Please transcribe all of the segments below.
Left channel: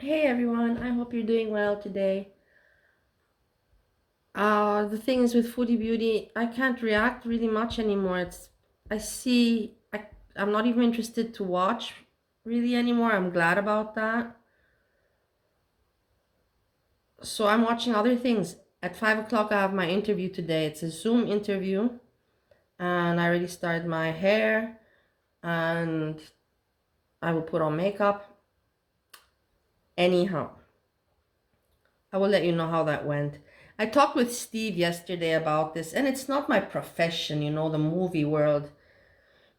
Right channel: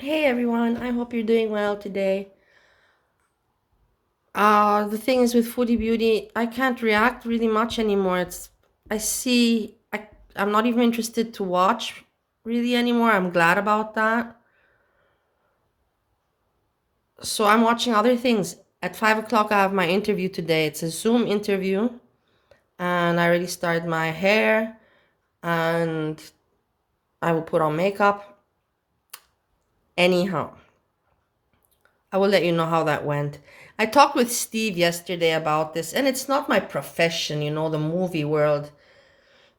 Hey everyone, I hope you're doing well today. The thing is with Foodie Beauty, I can't react really much anymore. I see, I'm not even interested to watch really anymore. I'm glad about that. So I'm watching other things. At 5 o'clock, I have my interview today. It's a Zoom interview, and I already started my hair, and I will put on makeup. Anyhow, I will let you know how that went. I talked with Steve yesterday about this, and it's not my profession, the movie world.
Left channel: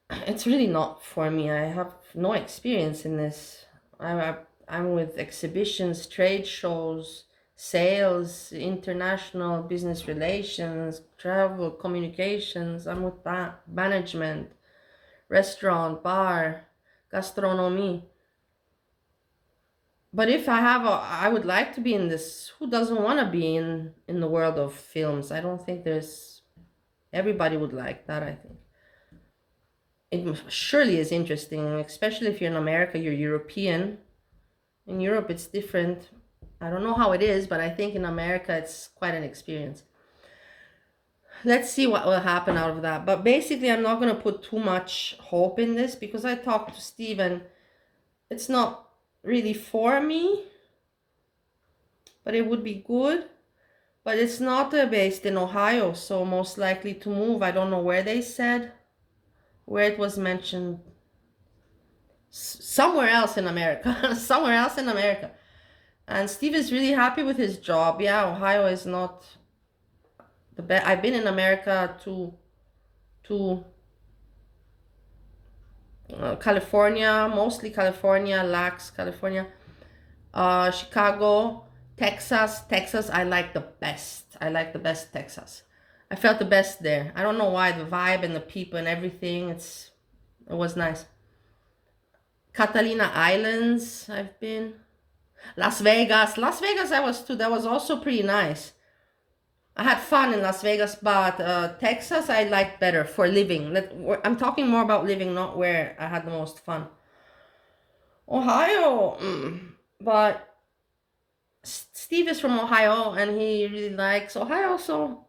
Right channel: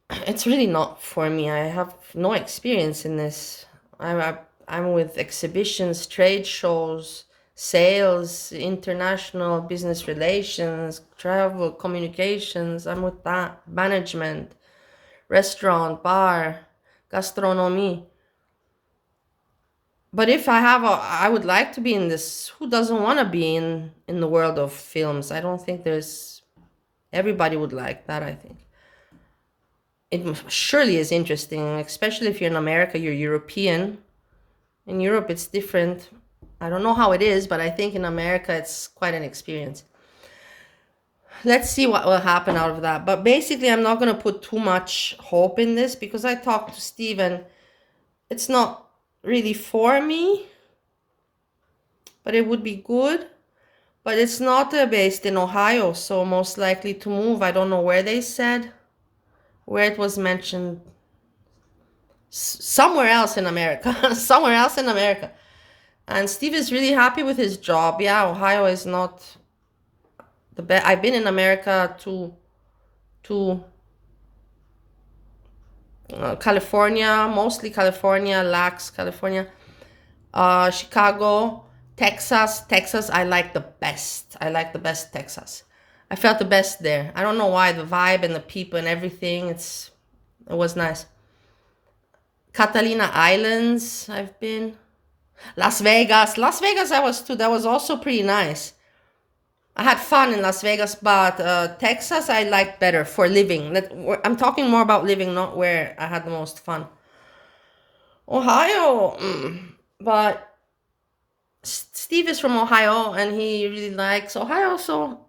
It's really not for me. I have no experience in this. I'm with exhibitions, trade shows, sales, international business relations, travel, communications. I'm with that. Management, restaurant, bar, gastronomy. But if I would like to be in this. Who doesn't want to be in the world of films? I don't think there's everybody would like that, I think. It surely is interesting, especially if you're in America, you're European. In Europe, it's different. I don't know how it is, but I think in America, it's quite an experience. Let's see what will happen out of that. But basically, I'm not going to put too much hope in this because I talked to Steve and it's not really for me, but it would be good. But it's not based in Ohio, so most likely to move. I don't know where they said, where it was mentioned. Somewhere else in America. Somewhere else in America. And Steve is really happy with his job. Yeah, Ohio is not the best. I've been in America to California, mostly California, Lax, California, Chicago, Texas. Texas, I like the best. I like the best Texas. I felt the best there. I don't know why, the vibe and the people and everything. It was nice. Catalina Islands, I've been. Las Vegas. Las Vegas, I was too. That was also pretty nice. I had fun in Las Vegas, but Texas I like better for living. I'm talking more about living, not where I had the most fun. Ohio, but Steve is from Ohio and he really likes Ohio, so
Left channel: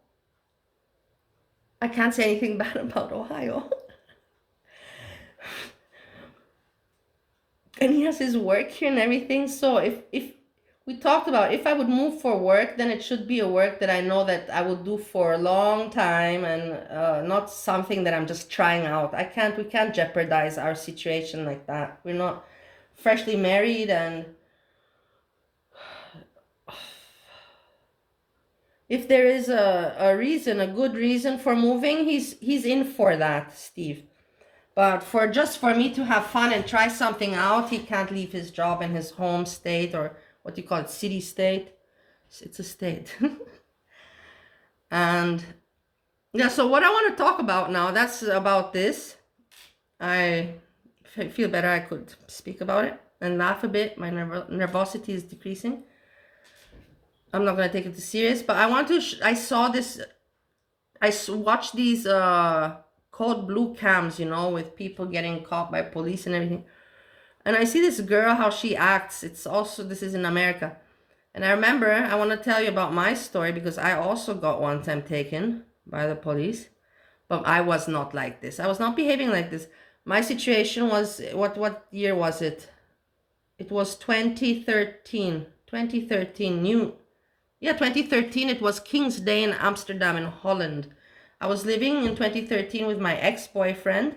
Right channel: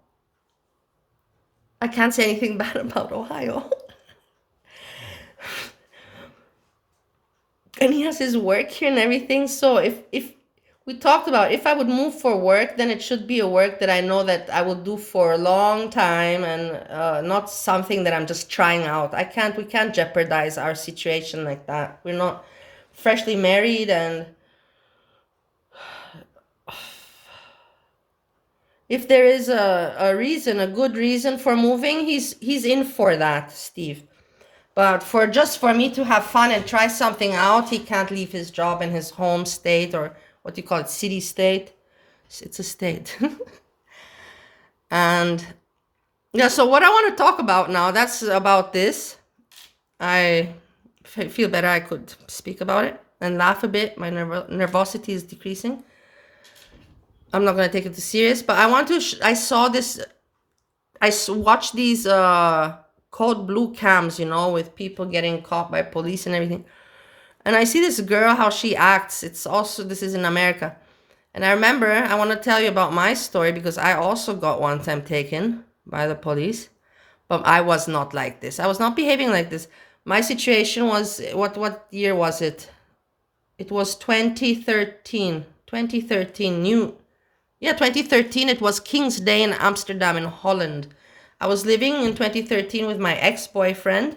I can't say anything bad about Ohio. And he has his work here and everything. So if we talked about if I would move for work, then it should be a work that I know that I will do for a long time and not something that I'm just trying out. We can't jeopardize our situation like that. We're not freshly married, and if there is a reason, a good reason for moving, he's in for that, Steve. But for me to have fun and try something out, he can't leave his job in his home state, or what do you call it, city state. It's a state. And yeah, so what I want to talk about now, that's about this. I feel better I could speak about it and laugh a bit. My nervosity is decreasing. I'm not going to take it too serious, but I want to, I saw this, watched these code blue cams, with people getting caught by police and everything. And I see this girl, how she acts. This is in America. And I remember, I want to tell you about my story because I also got one time taken by the police. But I was not like this. I was not behaving like this. My situation was, what year was it? It was 2013. 2013, 2013. It was King's Day in Amsterdam in Holland. I was living in 2013 with my ex-boyfriend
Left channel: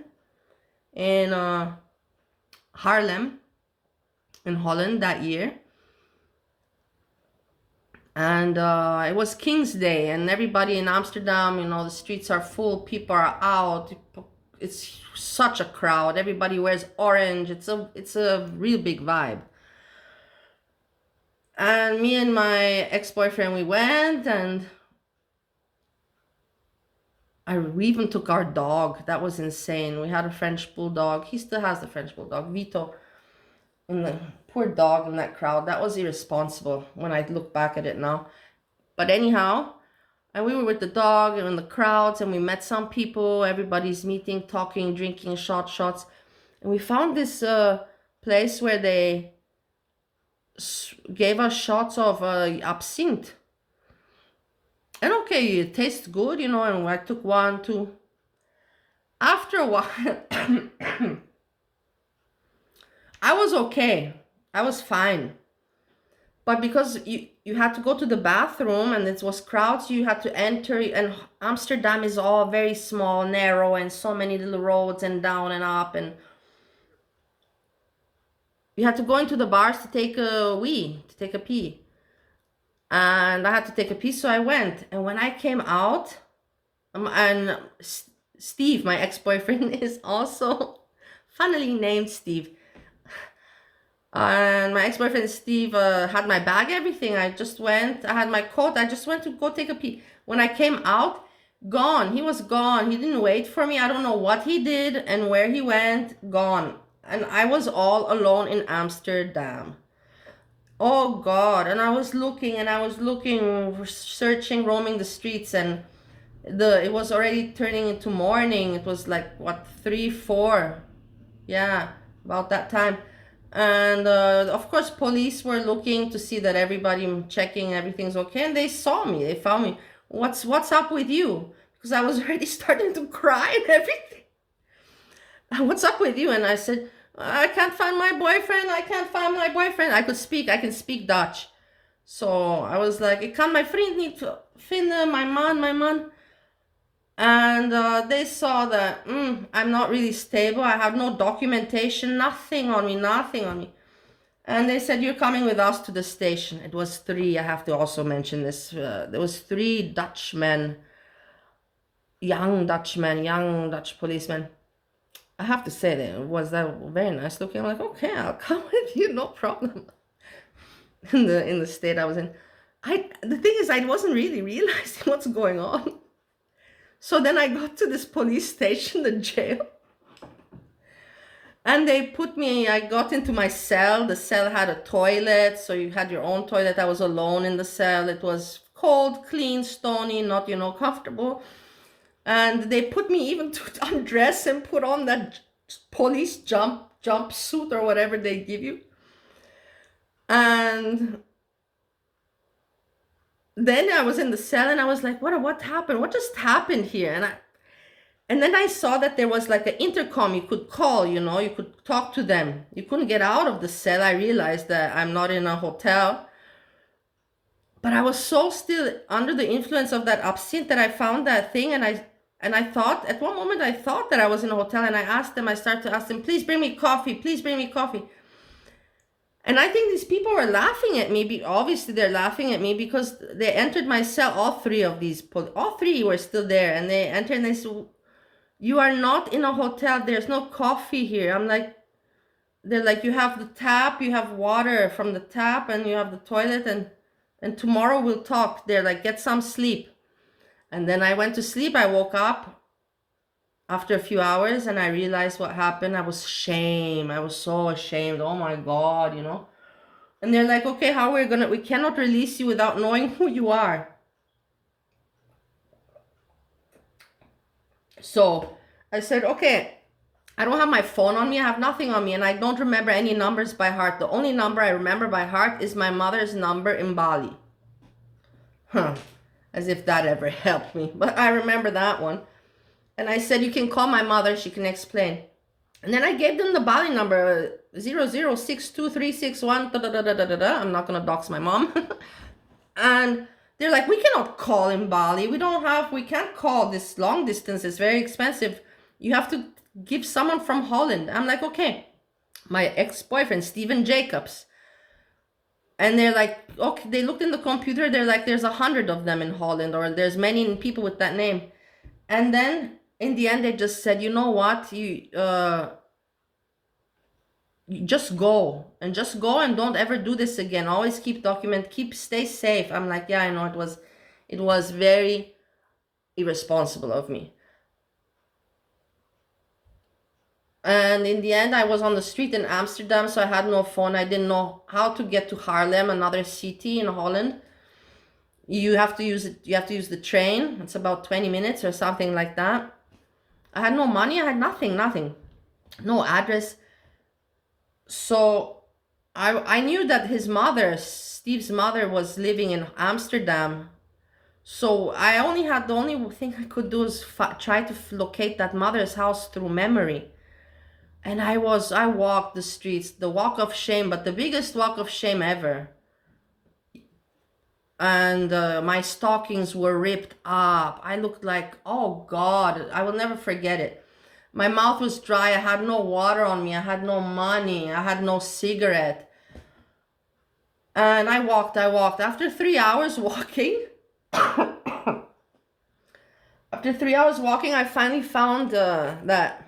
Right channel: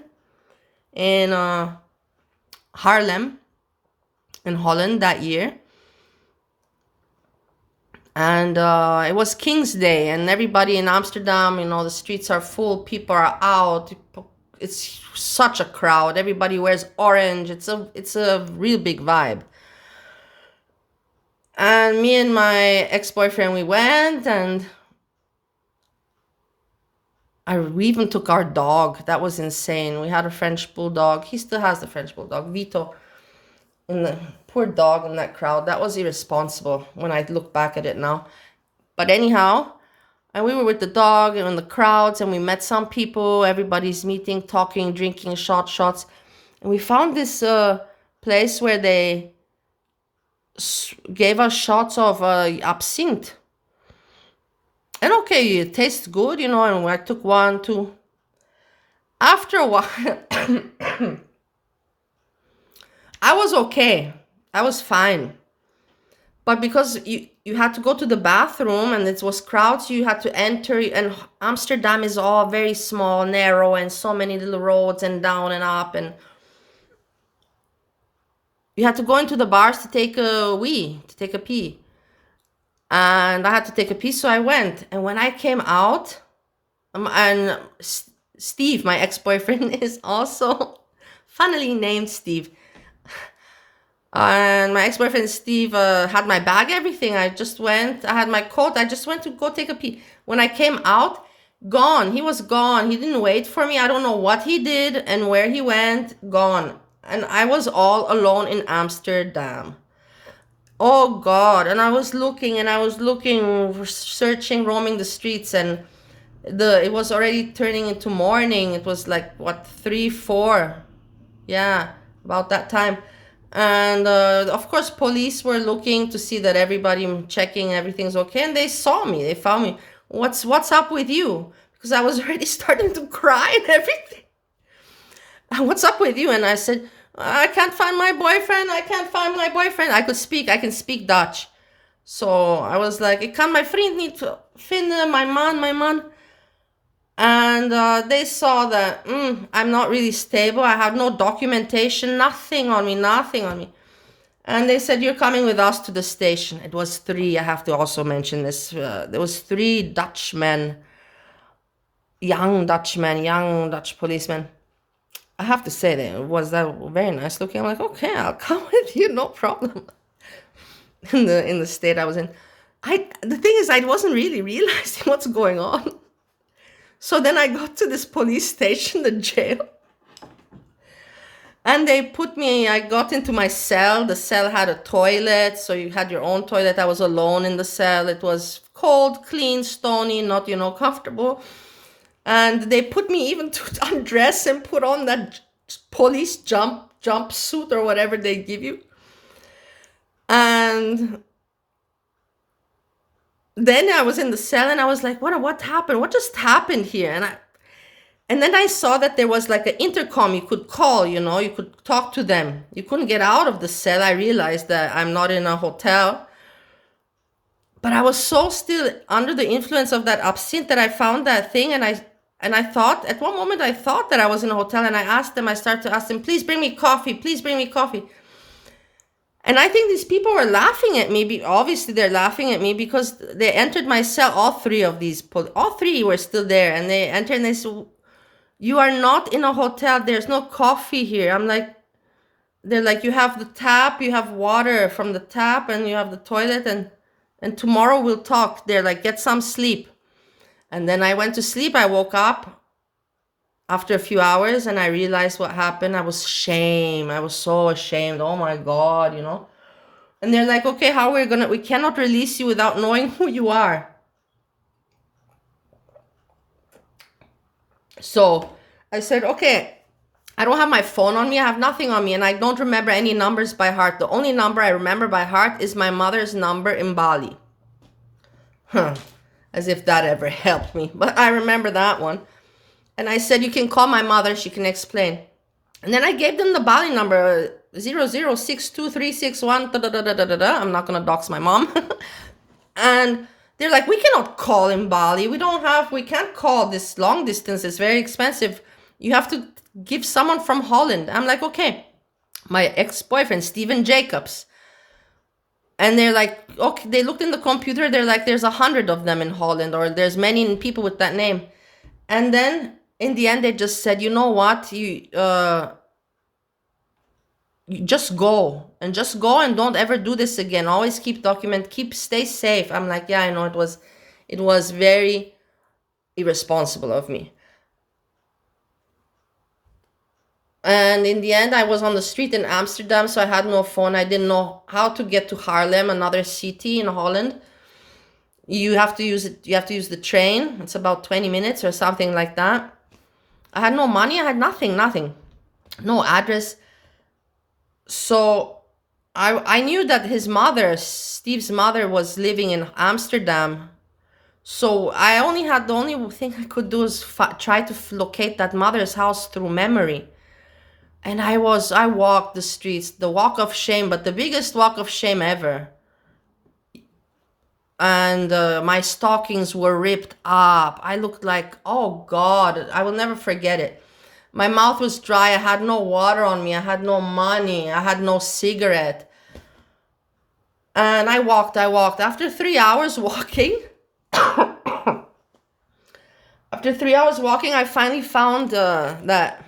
in Haarlem in Holland that year. And it was King's Day, and everybody in Amsterdam, the streets are full, people are out. It's such a crowd. Everybody wears orange. It's a real big vibe. And me and my ex-boyfriend, we went, and we even took our dog. That was insane. We had a French bulldog. He still has the French bulldog, Vito. And the poor dog in that crowd. That was irresponsible when I look back at it now. But anyhow, and we were with the dog and in the crowds, and we met some people. Everybody's meeting, talking, drinking, shots. And we found this place where they gave us shots of absinthe. And okay, it tastes good, and I took one, two. After a while, I was okay. I was fine. But because you had to go to the bathroom and it was crowds, you had to enter. And Amsterdam is all very small, narrow, and so many little roads and down and up. And you had to go into the bars to take a pee. And I had to take a pee, so I went. And when I came out, and Steve, my ex-boyfriend, is also funnily named Steve. And my ex-boyfriend Steve had my bag, everything. I had my coat. I just went to go take a pee. When I came out, gone. He was gone. He didn't wait for me. I don't know what he did and where he went. Gone. And I was all alone in Amsterdam. Oh God. And I was looking, searching, roaming the streets, and it was already turning into morning. It was like, what, 3, 4? Yeah, about that time. And of course, police were looking to see that checking everything's okay. And they saw me. They found me. What's up with you? Because I was already starting to cry and everything. What's up with you? And I said, I can't find my boyfriend. I can't find my boyfriend. I can speak Dutch. So I was like, ik kan mijn vriend niet vinden, my man. And they saw that I'm not really stable. I have no documentation, nothing on me. And they said, you're coming with us to the station. It was 3, I have to also mention this. There was 3 Dutchmen, young Dutch policemen. I have to say that very nice looking. I'm like, okay, I'll come with you, no problem. In the state I was in. The thing is, I wasn't really realizing what's going on. So then I got to this police station, the jail, and I got into my cell. The cell had a toilet, so you had your own toilet. I was alone in the cell. It was cold, clean, stony, not, comfortable. And they put me even to undress and put on that police jumpsuit or whatever they give you. And then I was in the cell and I was like, what happened? What just happened here? And then I saw that there was like an intercom you could call, you could talk to them. You couldn't get out of the cell. I realized that I'm not in a hotel. But I was so still under the influence of that absinthe that I found that thing. And I thought, at one moment I thought that I was in a hotel, and I started to ask them, please bring me coffee. And I think these people were laughing at me. Obviously, they're laughing at me because they entered my cell. All 3 were still there. And they entered and they said, you are not in a hotel. There's no coffee here. They're like, you have the tap, you have water from the tap, and you have the toilet. And tomorrow we'll talk. They're like, get some sleep. And then I went to sleep. I woke up after a few hours and I realized what happened. I was so ashamed. Oh my God, And they're like, okay, we cannot release you without knowing who you are. So I said, okay, I don't have my phone on me. I have nothing on me. And I don't remember any numbers by heart. The only number I remember by heart is my mother's number in Bali. As if that ever helped me. But I remember that one. And I said, you can call my mother. She can explain. And then I gave them the Bali number, 00623661. I'm not going to dox my mom. And they're like, we cannot call in Bali. We can't call this long distance. It's very expensive. You have to give someone from Holland. I'm like, okay. My ex-boyfriend, Steven Jacobs. And they're like, okay, they looked in the computer. They're like, there's 100 of them in Holland, or there's many people with that name. And then in the end, they just said, you know what? You just go and don't ever do this again. Always stay safe. I'm like, yeah, I know it was very irresponsible of me. And in the end, I was on the street in Amsterdam, so I had no phone. I didn't know how to get to Haarlem, another city in Holland. You have to use the train. It's about 20 minutes or something like that. I had no money. I had nothing. No address. So I knew that his mother, Steve's mother, was living in Amsterdam. So I only had, the only thing I could do is try to locate that mother's house through memory. And I walked the streets, the walk of shame, but the biggest walk of shame ever. And my stockings were ripped up. I looked like, oh God, I will never forget it. My mouth was dry. I had no water on me. I had no money. I had no cigarette. And I walked. After 3 hours walking, I finally found that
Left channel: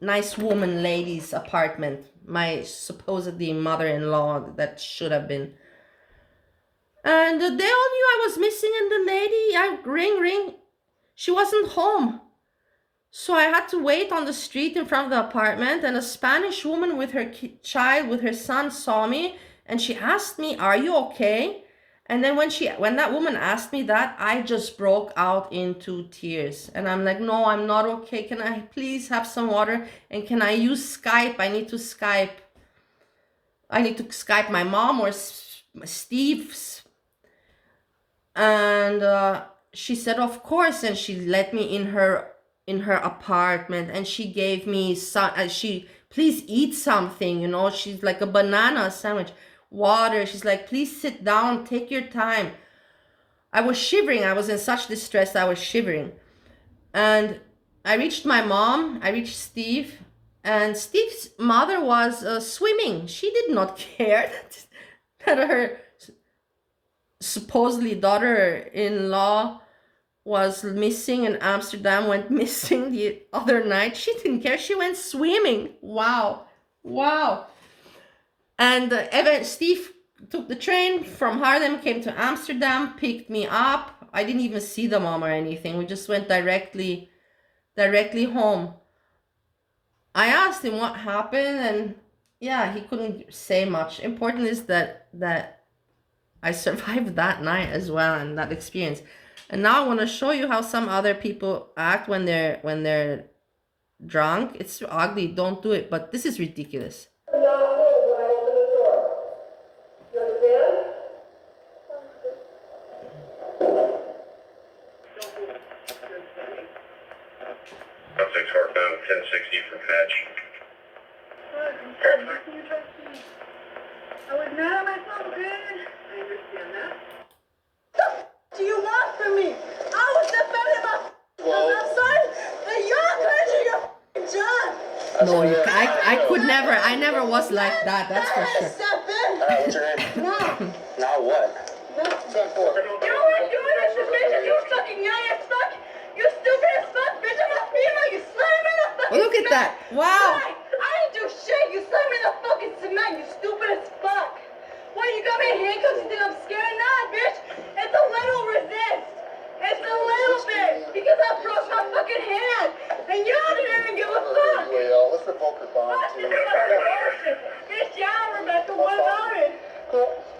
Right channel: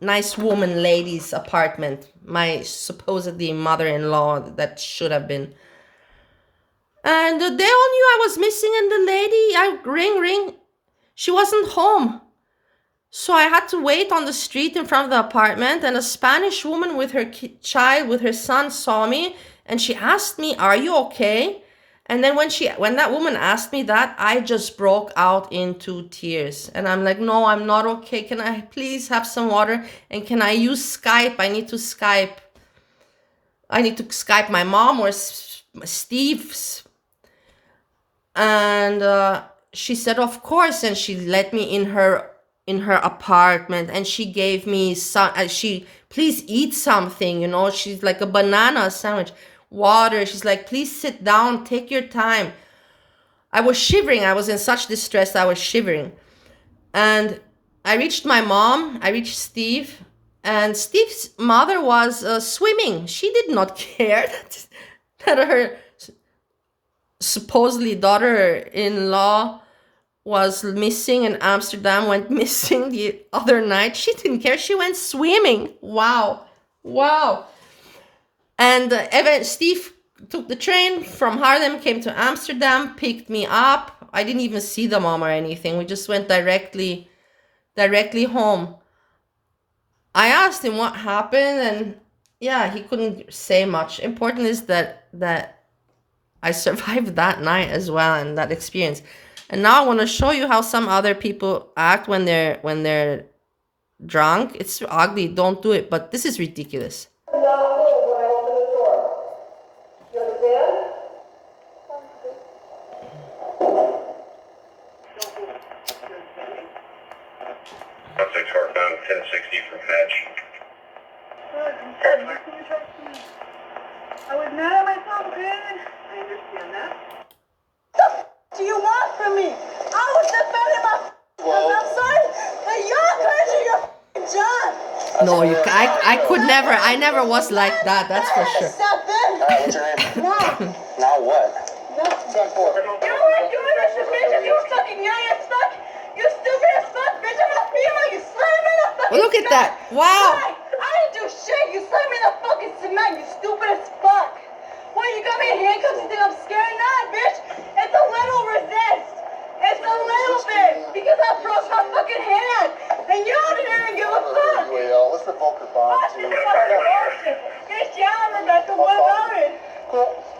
nice woman lady's apartment. My supposedly mother-in-law that should have been. And they all knew I was missing, and the lady, I ring, she wasn't home. So I had to wait on the street in front of the apartment, and a Spanish woman with her child, with her son, saw me, and she asked me, "Are you okay?" And then when that woman asked me that, I just broke out into tears. And I'm like, "No, I'm not okay. Can I please have some water? And can I use Skype? I need to Skype my mom or Steve's." And she said, "Of course." And she let me in her apartment, and she gave me some, please eat something, she's like a banana sandwich, water. She's like, "Please sit down, take your time." I was shivering. I was in such distress. I was shivering. And I reached my mom. I reached Steve. And Steve's mother was swimming. She did not care that her supposedly daughter-in-law was missing in Amsterdam, went missing the other night. She didn't care. She went swimming. Wow. And Steve took the train from Haarlem, came to Amsterdam, picked me up. I didn't even see the mom or anything. We just went directly home. I asked him what happened, and yeah, he couldn't say much. Important is that I survived that night as well, and that experience. And now I want to show you how some other people act when they're drunk. It's ugly. Don't do it. But this is ridiculous. Contact northbound 1060 from Hatch. I was mad at myself, man. I understand that. What the do you want from me? I was defending my I'm sorry, but you're crazy, your job. No, I could never. I never was like that. That's for sure. Step in. What's your name? No. Now what? No. You weren't doing this, bitch. You fucking young as fuck. You stupid as fuck, bitch. I'm a female. You slammed me in the fucking Look at that. Wow. Right. I didn't do shit. You slammed me in the fucking cement. You stupid as fuck. Why you got me in handcuffs? You think I'm scared? Nah, bitch. It's a little resist. It's a little bit. Because I broke my fucking hand. And you didn't even give a fuck. Let's revoke your bond. Watch this fucking bullshit. Bitch, yeah, Rebecca. What about it?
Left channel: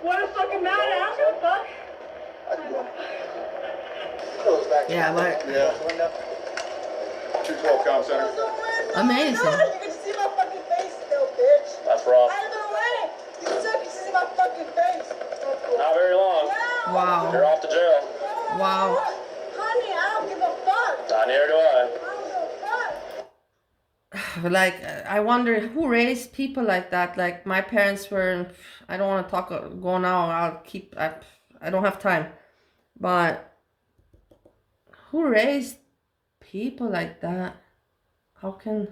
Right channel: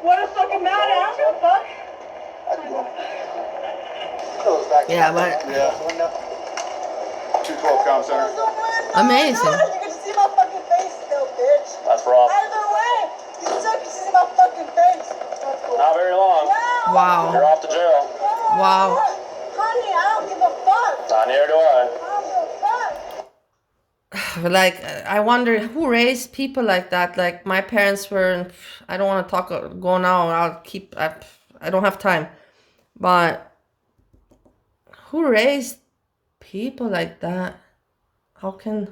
What a fucking matter? I don't give a fuck. Yeah, but Yeah. 212 comm center. amazing. You can see my fucking face still, bitch. That's rough. Out of the way. You said you can see my fucking face. Not very long. Wow. Wow. You're off to jail. Wow. Honey, I don't give a fuck. Neither do I. I don't give a fuck. Like, I wonder who raised people like that. Like, my parents were, I don't want to go now. I don't have time. But who raised people like that? Okay,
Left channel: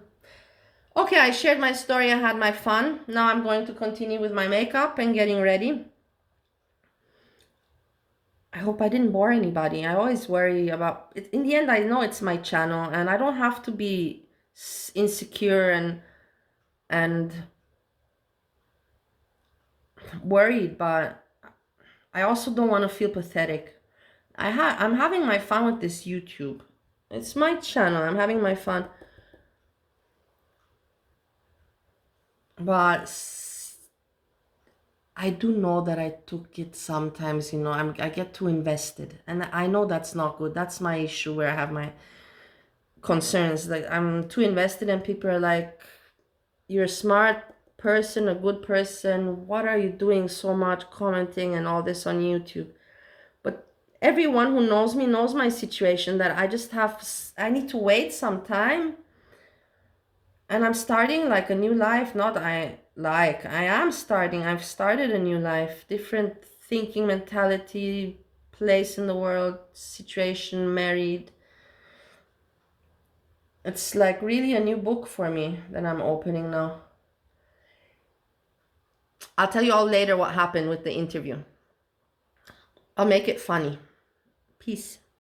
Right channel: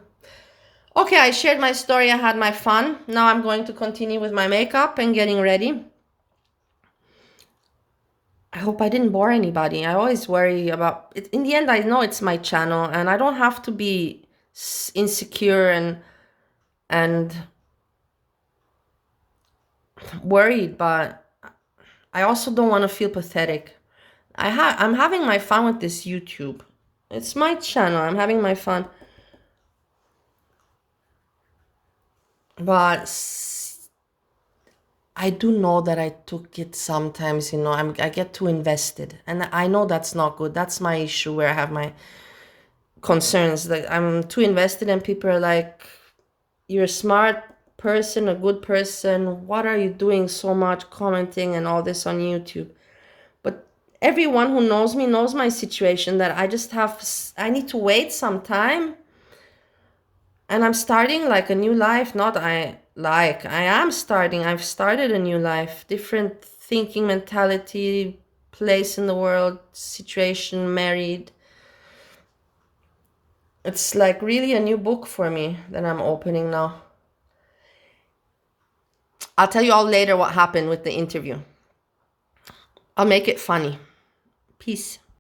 I shared my story. I had my fun. Now I'm going to continue with my makeup and getting ready. I hope I didn't bore anybody. I always worry about it. In the end, I know it's my channel, and I don't have to be insecure and worried, but I also don't want to feel pathetic. I'm having my fun with this YouTube. It's my channel. I'm having my fun. But I do know that I took it sometimes, I get too invested. And I know that's not good. That's my issue where I have my concerns. Like, I'm too invested and people are like, "You're a smart person, a good person. What are you doing so much commenting and all this on YouTube? But everyone who knows me knows my situation, that I need to wait some time. And I'm starting like a new life. I've started a new life, different thinking, mentality, place in the world, situation, married. It's like really a new book for me that I'm opening now. I'll tell you all later what happened with the interview. I'll make it funny. Peace.